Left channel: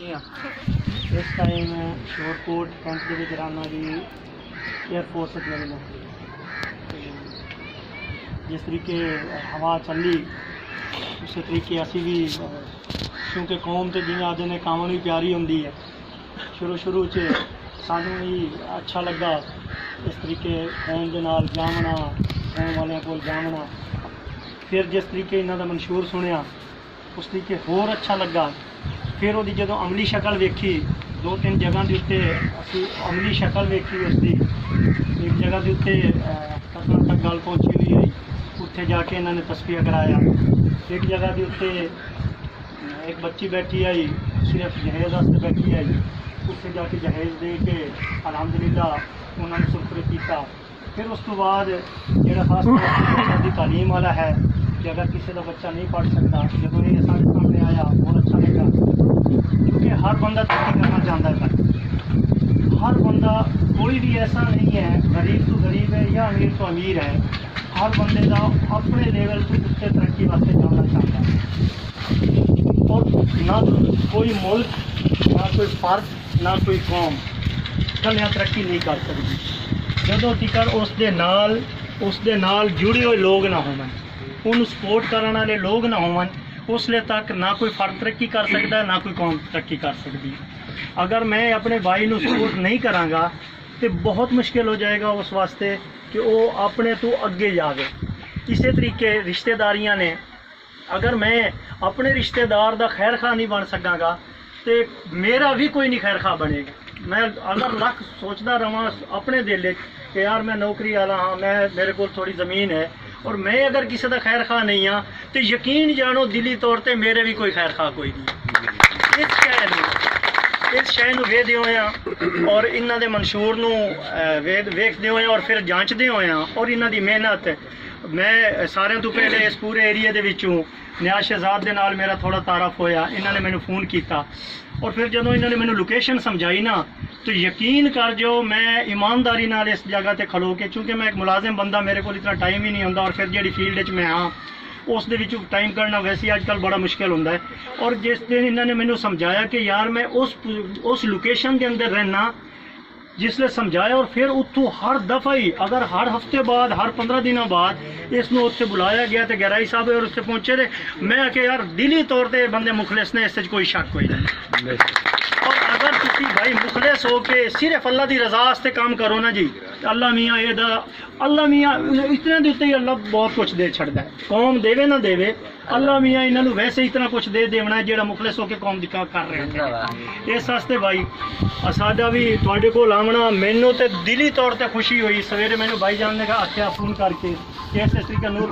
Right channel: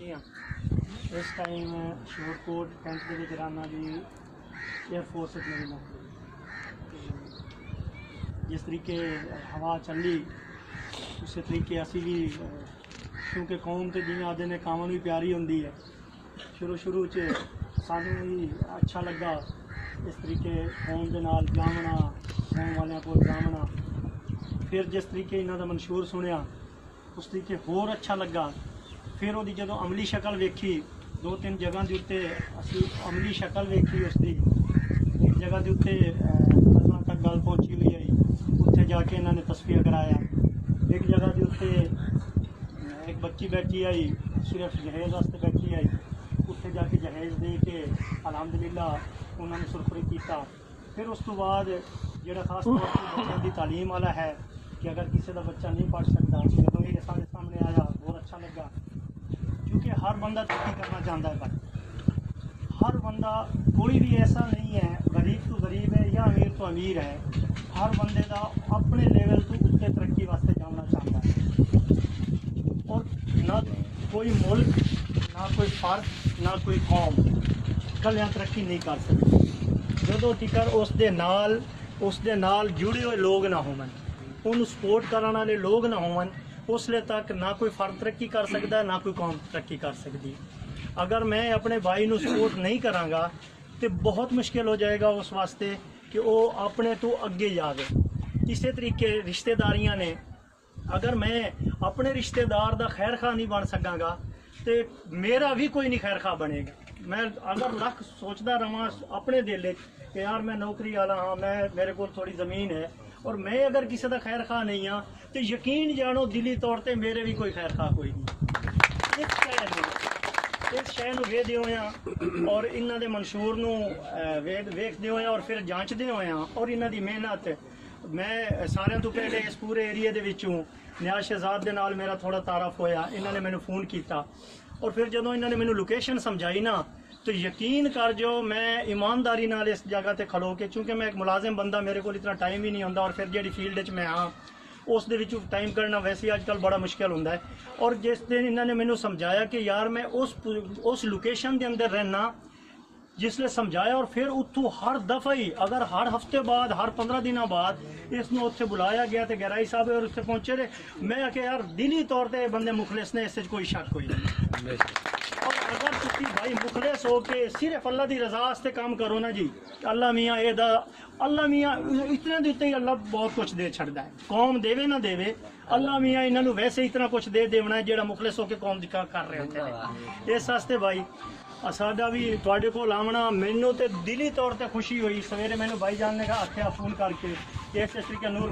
इस time Shorkot camp के विच राना जी air force मेरी नौकरी जिस तरीके हवा चली उस तरीके असी भी क्योंकि कौम तो जिवें आदे ने काम भी प्यारी होंदी है शुरू सानू भी अच्छा लगा इस तरीके कौम के नाल जामना कौम वालियां कोल जामना फिर जिस तरीके इन्हां दा मंशूर सुनिया उस तरीके होर अच्छा लगा फिर वो जो अमली शक्ल वेखी 2-3 जगह के उत्ते असी अमली शक्ल वेखी उसकी एक जगह के उत्ते कदम तक गल पहुँची हुई रही उत्थे जाके इन्होंने तस्वीर कराया एक जगह के उत्ते एक बच्ची बैठी आई सिर्फ जहेज वास्ते बैठी आई उत्थे जाके जहेज दे के अलहमदुलिल्लाह उन्होंने सुरखुरी किया फिर उस तो बाद जो खास तौर पर बच्चों की तालीम वाला है कि अगर किसी का बच्चा नहीं पढ़ सकता जब ये साढ़े सामने आया बहुत अच्छा लगा क्योंकि हर बंदा तरक्की करना चाहता है भाई हर बंदा कोई भी ऐसा नहीं है गरीब तो गरीब है या अमीर तो अमीर है हर बंदे का अपने लेवल पर उससे तरक्की वास्ते जाना चाहता है और ना कोई मुल्क ना कोई फर्द ना कोई कौम कलियां तरक्की नहीं कर सकती जो तिकर उसके नाल जुड़े हुए लोग ना होवन उन्हें सपोर्ट करने वाले लोग ना होवन उसले तक ना कोई फर्द तरक्की कर सकता है ना कोई कौम तरक्की कर सकती अगर मैं अपने भाई को सपोर्ट नहीं कराँगा तो बहुत मुश्किल हो जाएगा उस वास्ते कि वो अपने तो अगे जाए इस तरीके रिश्तेदारियां ने अगर मैं अपने रिश्तेदार का खैर खा नहीं बन सकाँगा तो मेरा भी कोई नहीं खैर खा बनेगा मैं अगर लख सोचता रहा अपने दिल कि यार मैं नौकरी वाला हाँ मैं मेरे को थोड़ी ज़मीन है और मैं अगर किसी का खैर खा नहीं हाँ तो यकीन जानो दिली तौर पर मेरे भी कोई खैर खा कोई नहीं इस शय नूं वेखदे होए और इन्हां दे मंशूर नूं वेखदे होए और फिर जांचदे होए और इन्हां दी मेहनत मैं सारे तो पहले इस पूरे एरिए दे विचों नियाज शहजाद दे नाल मेरा थोड़ा तारफ होया इन्हां ने मैनू फ़ोन किया और फिर जदों इन्होंने मैनू लोकेशन समझाई ना तो यकीन कर जो मैं ईमानदारी नाल इस जगह ते खड़ो के चूँकि मैं एक मुलाजिम बंदा मेरे को इतना टाइम ही नहीं होंदा और फिर जी फील्ड मैं हाँ उस दे विच टाइम करना वैसे ही अजकल बड़ा मुश्किल होंदा है और जिस दिन इन्होंने मैनू समझाया कि यार मैं उस लोकेशन के अंदर रहना जिसले समझाया और फिर उत्थों हर दफ़ा ही अगर हर हफ्ते बाद हर 15 दिनों बाद इसनों उत्थे बुलाया गया तो गहराई साहब और उससे पहुँचे थे मैं कि यार दिली तौर पर बंदे मुखलिस ने इस कोई शक कोई नहीं और अगर तुसी भाई मुखलिस हो के सिर्फ अल्लाह की रजा वास्ते काम करो ना जी अल्लाह मियाँ अल्लाह मियाँ इतने के उत्ते ही अल्लाह बहुत कुछ दे छड़दा है कौम देवे ना देवे अल्लाह मियाँ इन्होंने वैसे इतना कुछ दे देना है जो मुखलिस होकर कौम दिखा कर रहे हैं इस वास्ते भाई साडा भी तुहाडे कोल आमना मैनू तो दिली तौर पर खुशी हुई सवेरे मैनू भाई जान ने आख्या फोन करके कि इस तरीके नूर